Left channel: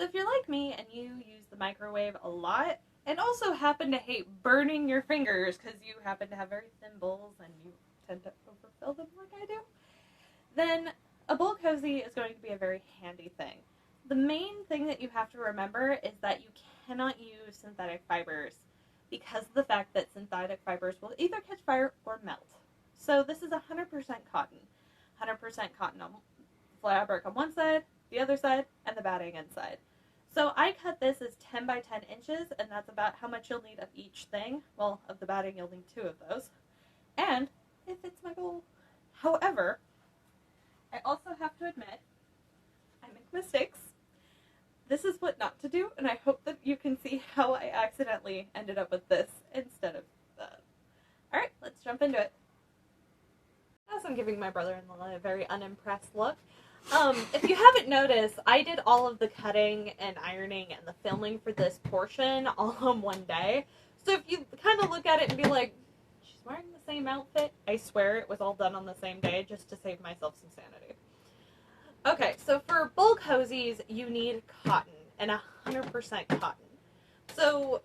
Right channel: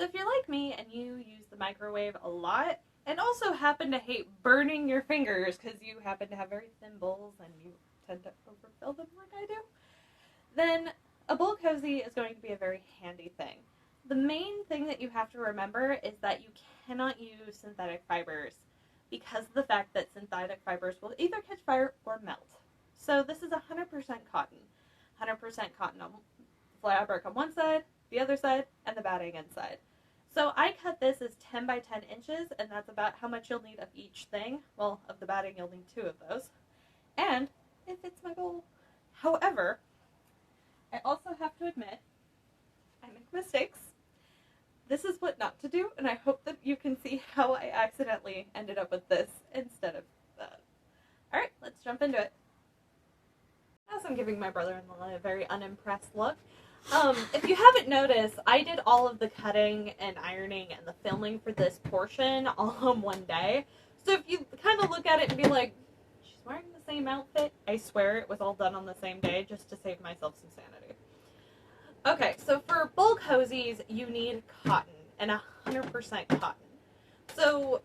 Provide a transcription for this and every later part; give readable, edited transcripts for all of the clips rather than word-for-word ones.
So if you're like me and you use the microwave a lot, and also happen to hate burning your fingers because you happen to have very thin bowls and you tend to overfill them like I do, then a bowl cozy is going to be a very handy thing. The main thing that you have to remember is that you cannot use synthetic fibers because of the fact that synthetic fibers will either catch fire or melt. So this is 100% cotton. 100% cotton on fabric on one side, the other side, and the batting inside. So I cut this as 10 by 10 inches, and that's about how much you'll need of each thing. Well, of the batting, you'll need 2 of those. And it fits my bowl. However, I also have to admit, I make mistakes. This is what not to do, and I hope that you can see how I accidentally ended up with this instead of that. Alright, let's jump into it. As I'm giving my brother-in-law a very unimpressed look, if you haven't noticed, I did all of the cutting and ironing and the filming for this portion all in one day. So if you kind of look at it and be like, she's wearing the same outfit, I swear it was all done on the same day just to save myself some sanity. Okay, so for bowl cozies, you need cotton, and 100% cotton. So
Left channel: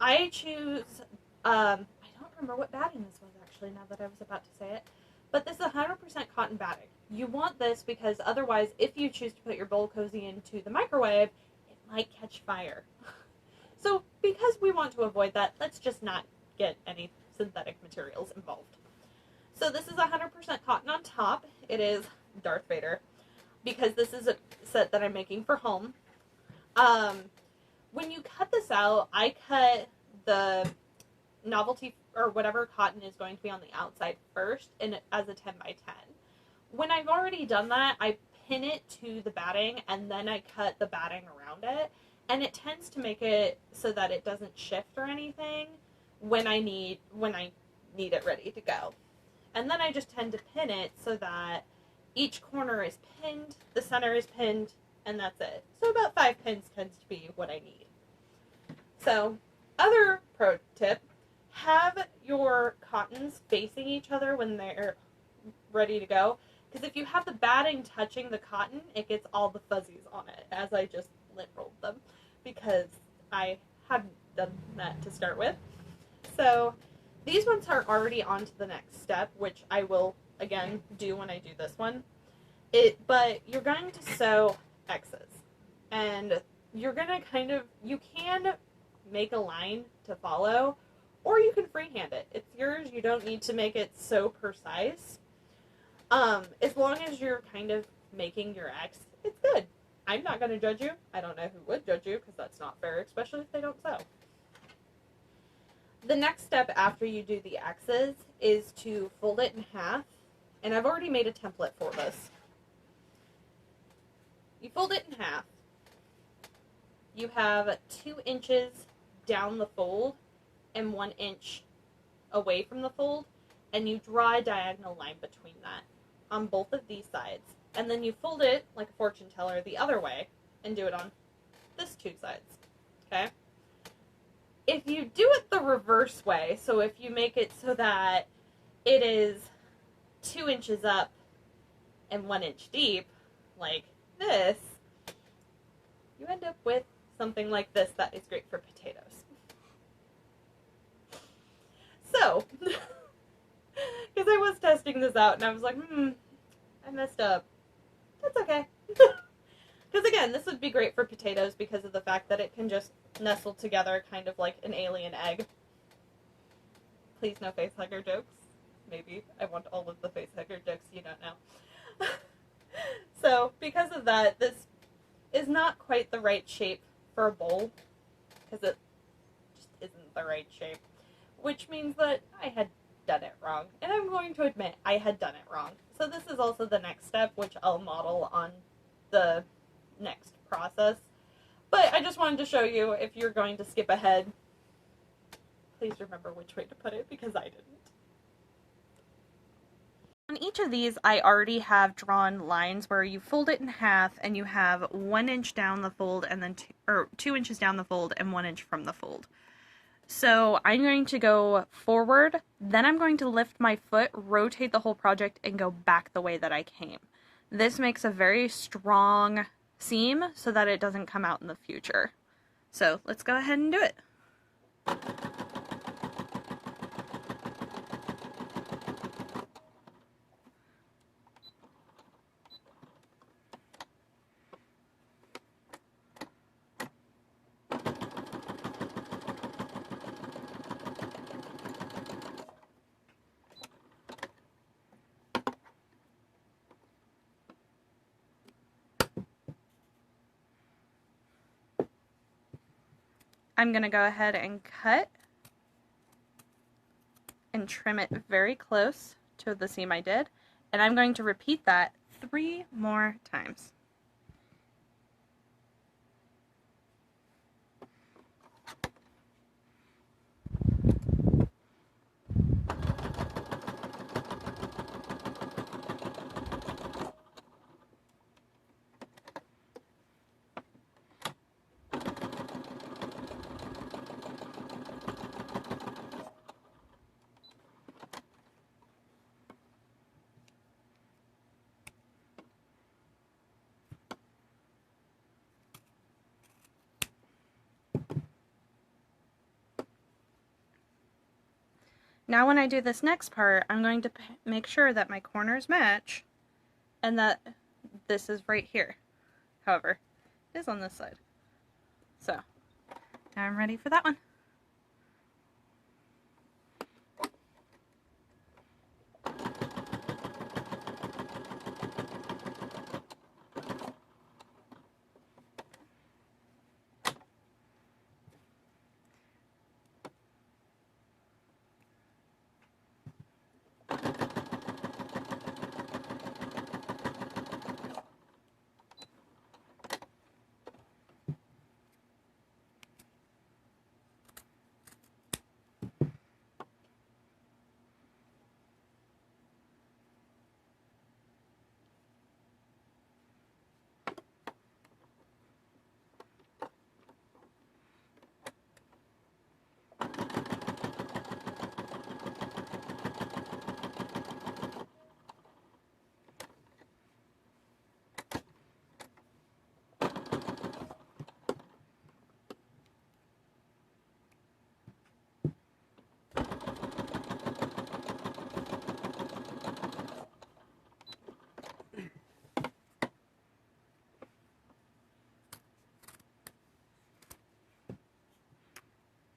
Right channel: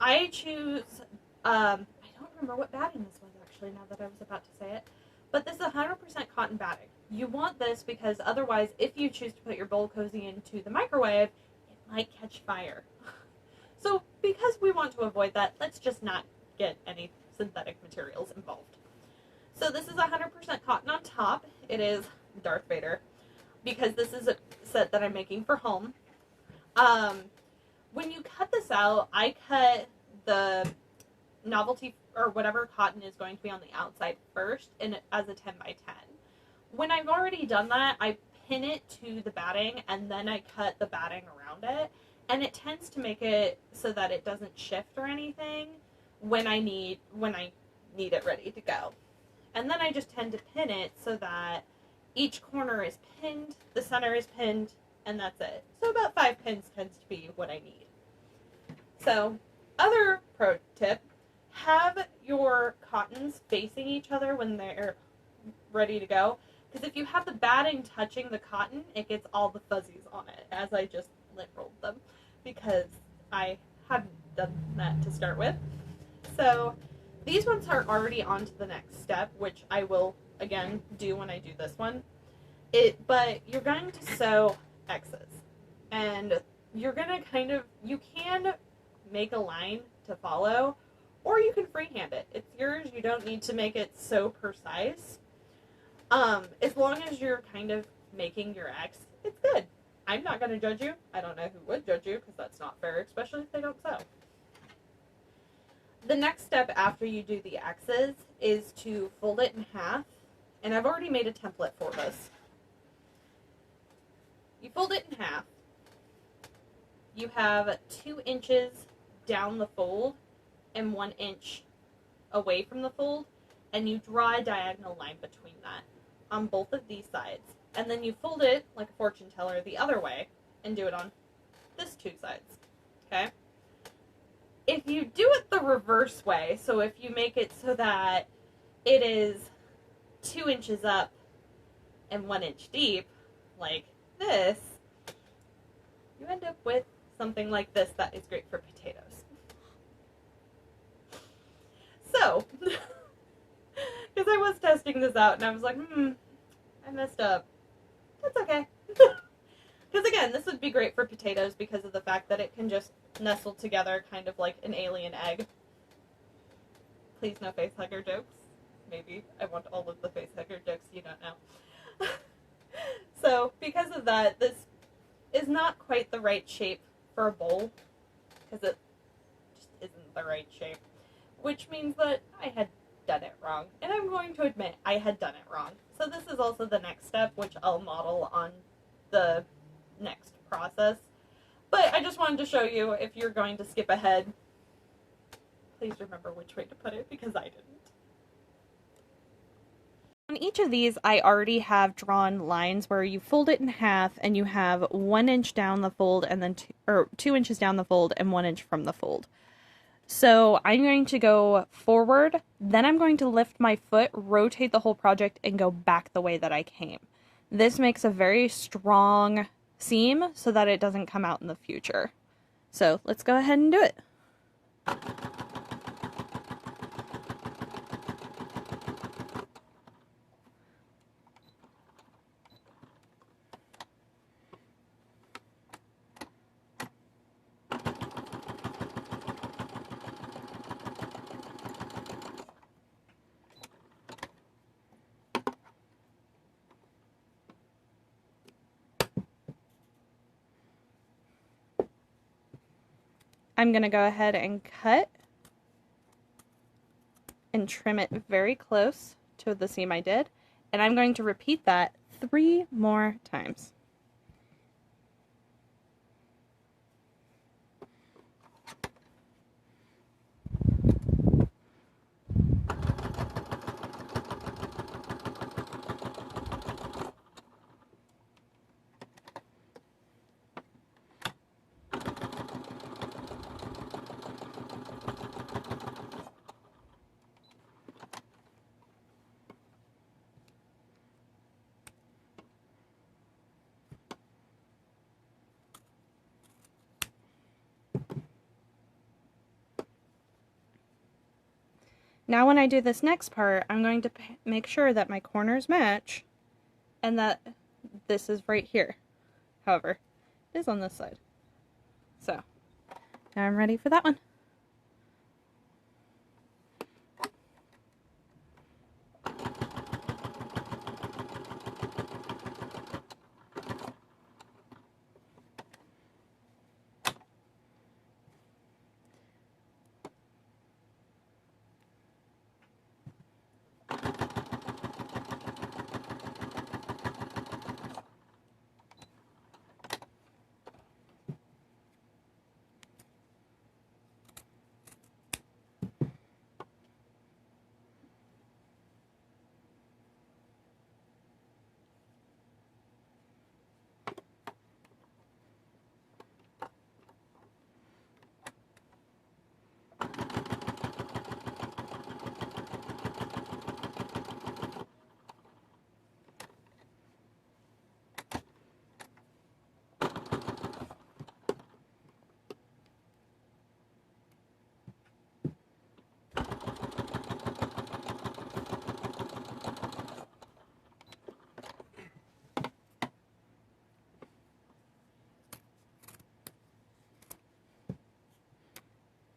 I choose, I don't remember what batting this was actually now that I was about to say it, but this is 100% cotton batting. You want this because otherwise, if you choose to put your bowl cozy into the microwave, it might catch fire. So because we want to avoid that, let's just not get any synthetic materials involved. So this is 100% cotton on top. It is Darth Vader, because this is a set that I'm making for home. When you cut this out, I cut the novelty or whatever cotton is going to be on the outside first as a 10 by 10. When I've already done that, I pin it to the batting and then I cut the batting around it, and it tends to make it so that it doesn't shift or anything when I need it ready to go. And then I just tend to pin it so that each corner is pinned, the center is pinned, and that's it. So about 5 pins tends to be what I need. So, other pro tip, have your cottons facing each other when they're ready to go. Because if you have the batting touching the cotton, it gets all the fuzzies on it, as I just lint rolled them, because I hadn't done that to start with. So, these ones are already on to the next step, which I will, again, do when I do this one. But you're going to sew X's. And you're going to you can make a line to follow, or you can freehand it. It's yours. You don't need to make it so precise. As long as you're kind of making your X, it's good. I'm not going to judge you. I don't know who would judge you, because that's not fair, especially if they don't sew. The next step after you do the X's is to fold it in half, and I've already made a template for this. You fold it in half. You have 2 inches down the fold and 1 inch away from the fold, and you draw a diagonal line between that on both of these sides. And then you fold it like a fortune teller the other way and do it on this 2 sides. Okay? If you do it the reverse way, so if you make it so that it is 2 inches up and 1 inch deep, like this, you end up with something like this that is great for potatoes. So, because I was testing this out and I was like, I messed up. That's okay. Because again, this would be great for potatoes because of the fact that it can just nestle together kind of like an alien egg. Please no face hugger jokes. Maybe I want all of the face hugger jokes you don't know. So, because of that, this is not quite the right shape for a bowl, because it just isn't the right shape, which means that I had done it wrong, and I'm going to admit I had done it wrong. So this is also the next step, which I'll model on the next process, but I just wanted to show you, if you're going to skip ahead, please remember which way to put it, because I didn't. On each of these, I already have drawn lines where you fold it in half and you have 1 inch down the fold and then 2 inches down the fold and 1 inch from the fold. So I'm going to go forward, then I'm going to lift my foot, rotate the whole project, and go back the way that I came. This makes a very strong seam so that it doesn't come out in the future. So let's go ahead and do it. I'm going to go ahead and cut and trim it very close to the seam I did, and I'm going to repeat that 3 more times. Now when I do this next part, I'm going to make sure that my corners match and that this is right here. However, it is on this side. So, now I'm ready for that one.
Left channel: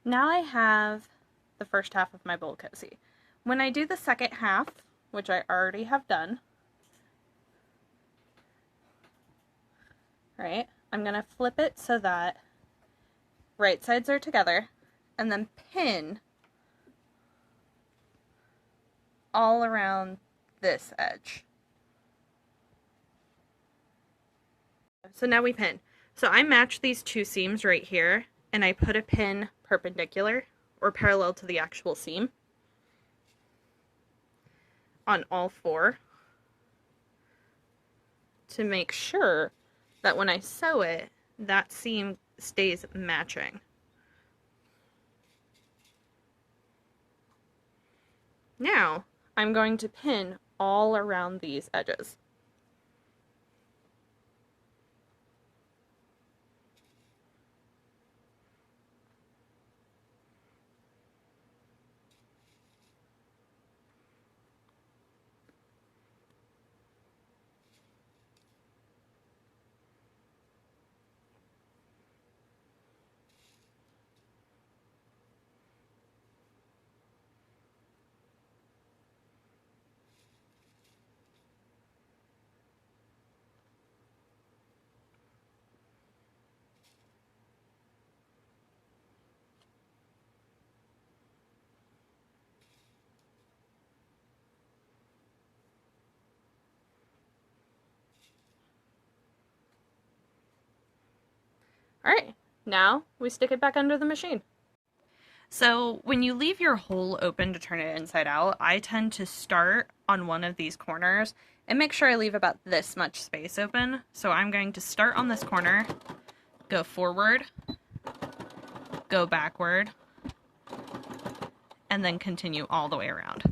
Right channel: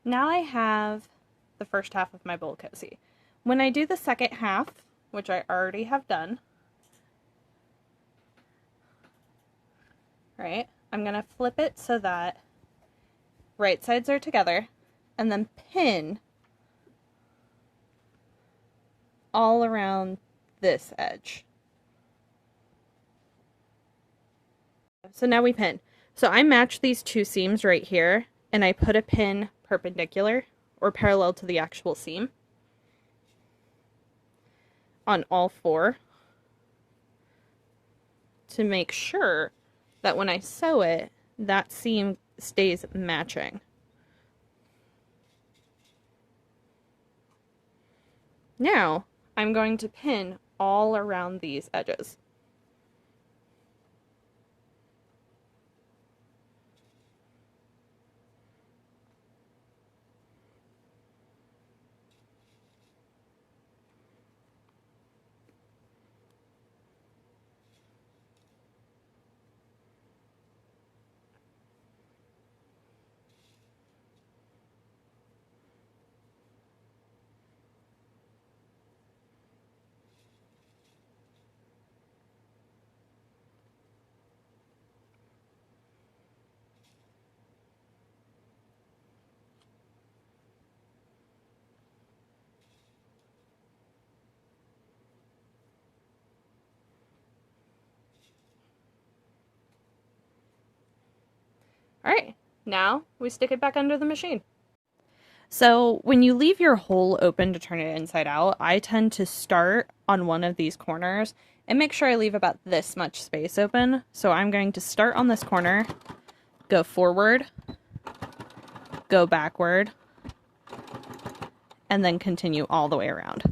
Now I have the first half of my bowl cozy. When I do the second half, which I already have done, right, I'm going to flip it so that right sides are together and then pin all around this edge. So now we pin. So I match these 2 seams right here and I put a pin perpendicular or parallel to the actual seam on all 4 to make sure that when I sew it, that seam stays matching. Now, I'm going to pin all around these edges. Alright, now we stick it back under the machine. So when you leave your hole open to turn it inside out, I tend to start on one of these corners and make sure I leave about this much space open. So I'm going to start on this corner, go forward, go backward, and then continue all the way around.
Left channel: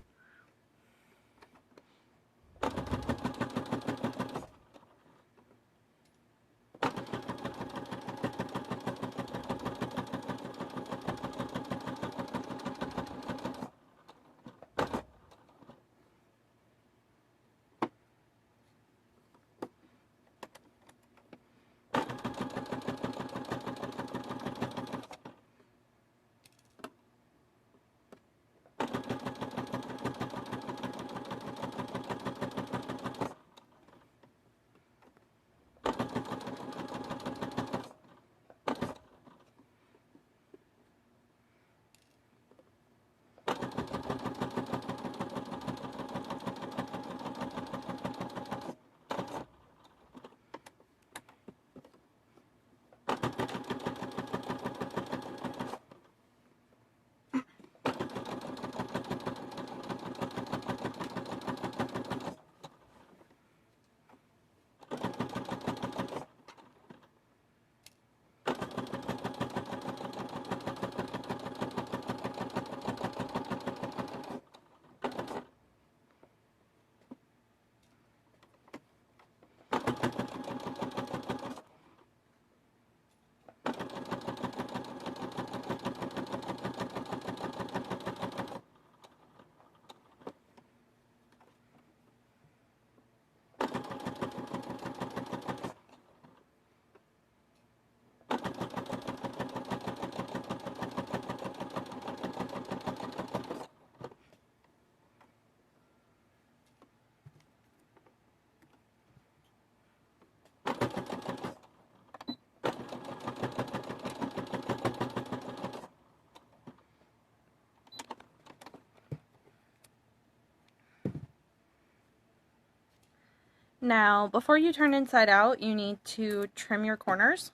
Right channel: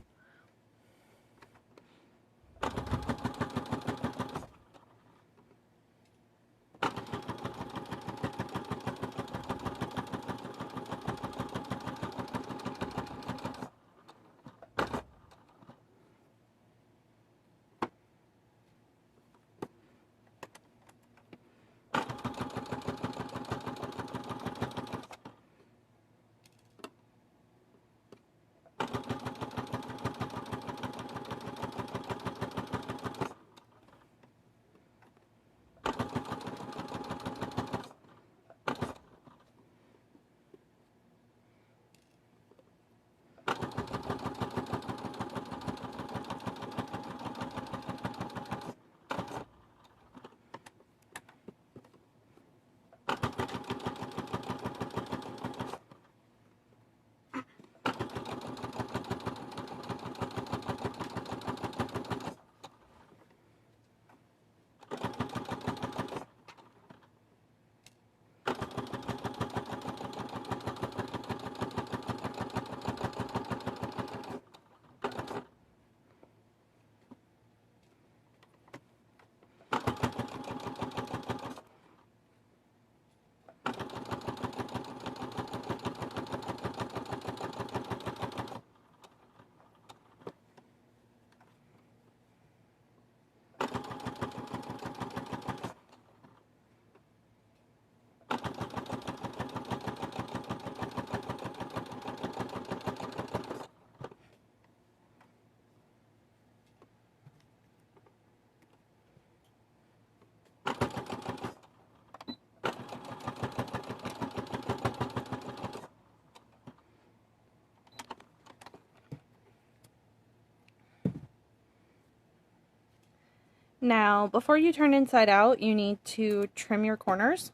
Now, before you turn inside out, you need to trim your corners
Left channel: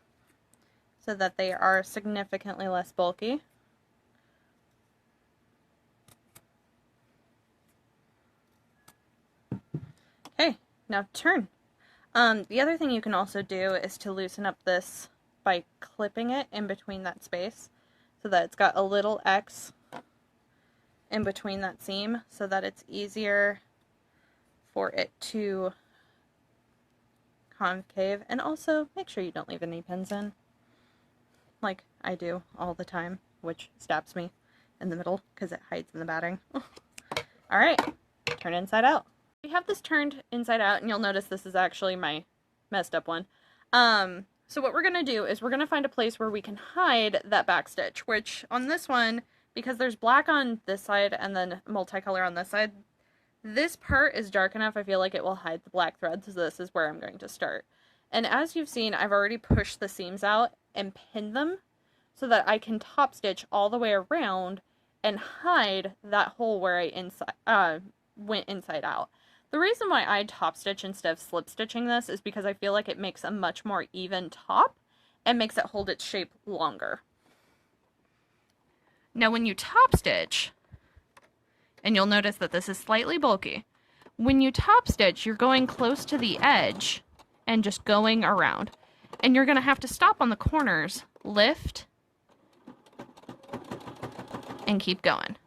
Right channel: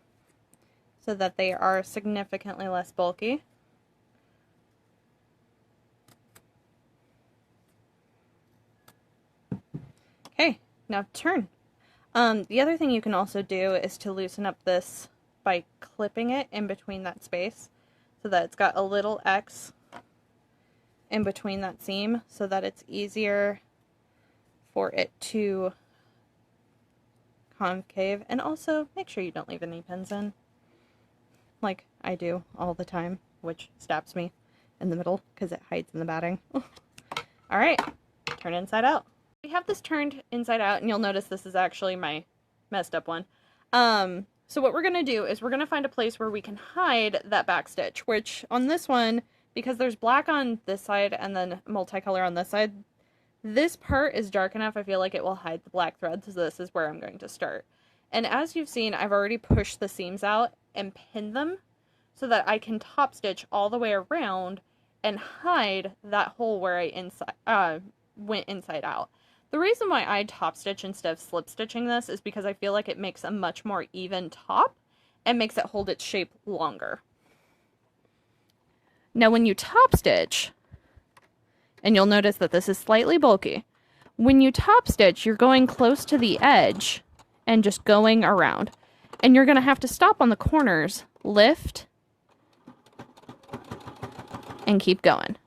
so that they are significantly less bulky. Okay, now turn. The other thing you can also do is to loosen up this by clipping it in between that space so that it's got a little X in between that seam so that it's easier for it to concave. And also make sure you don't leave any pins in, like I do all the time, which stabs me in the middle because it hides in the batting. Alright, turn inside out. We have this turned inside out, and you'll notice this is actually my messed up one. So what we're going to do is we're going to find a place where we can hide that back stitch, which on this one, because there's black on this side and then multicolor on this side, this part is dark enough I feel like it will hide the black thread, so this is where I'm going to start. And as you've seen, I've already pushed the seams out and pinned them so that I can top stitch all the way around and hide that hole where I went inside out. The reason why I top stitch instead of slip stitching this is because I feel like it makes a much more even top and makes it hold its shape longer. Now when you top stitch, and you'll notice that this is slightly bulky, when you top stitch you're going close to the edge and just going around. And you're going to have to stop on the corners, lift, and keep going.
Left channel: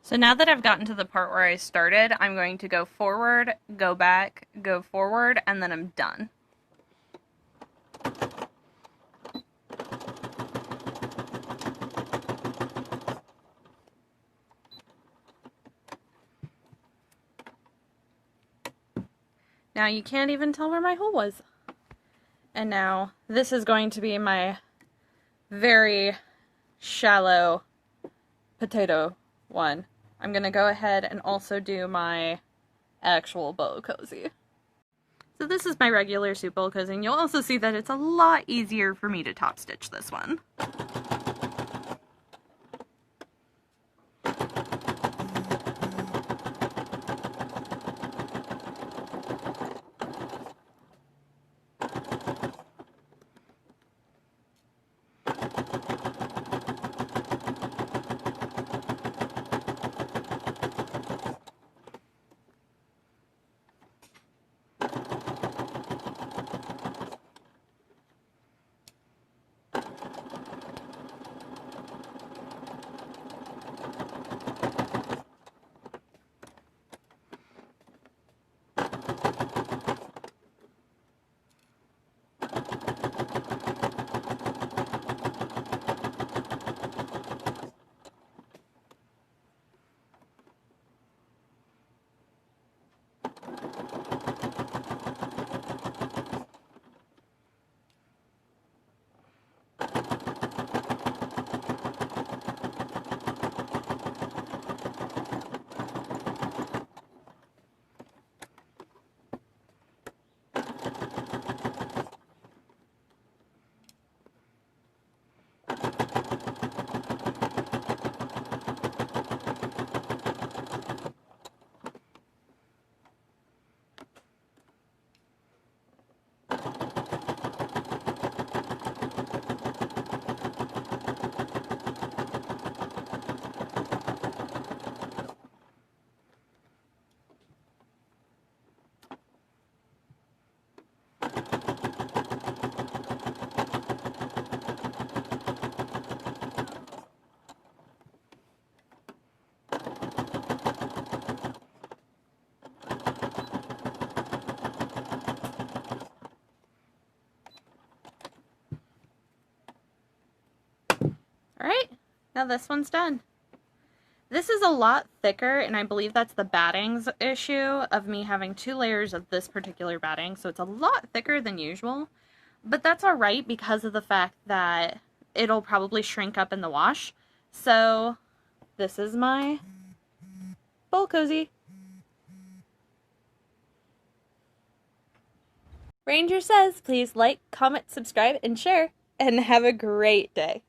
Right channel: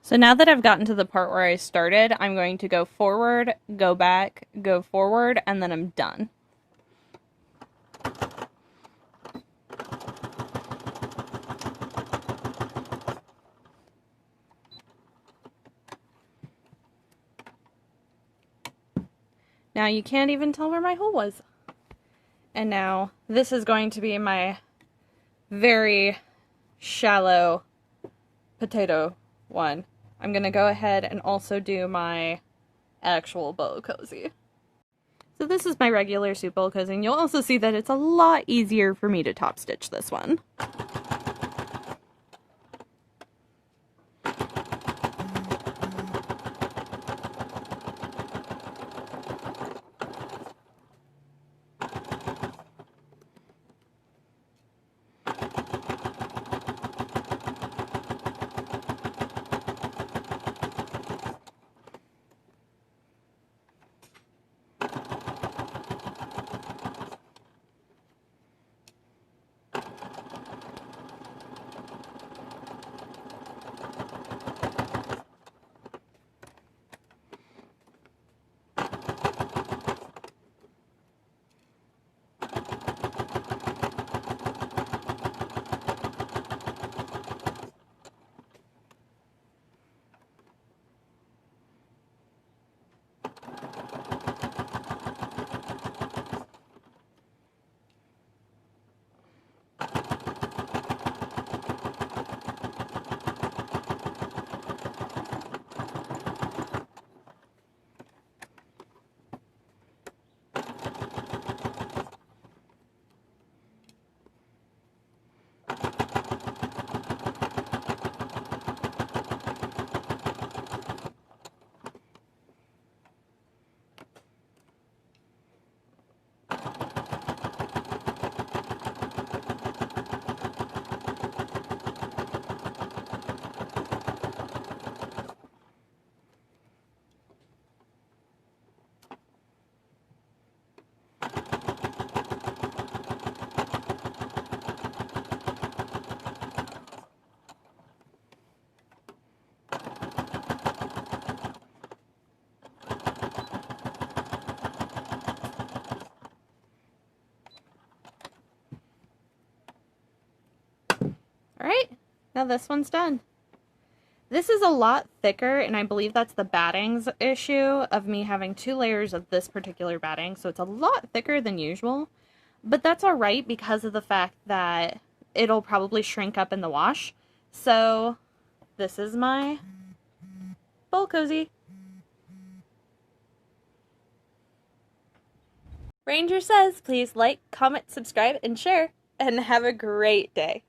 So now that I've gotten to the part where I started, I'm going to go forward, go back, go forward, and then I'm done. Now you can't even tell where my hole was. And now this is going to be my very shallow potato one. I'm going to go ahead and also do my actual bow cozy. So this is my regular suit bow cozy, and you'll also see that it's a lot easier for me to top stitch this one. Alright, now this one's done. This is a lot thicker, and I believe that's the battings issue of me having 2 layers of this particular batting, so it's a lot thicker than usual. But that's alright because of the fact that it'll probably shrink up in the wash. So, this is my bowl cozy. Ranger says, please like, comment, subscribe, and share, and have a great day.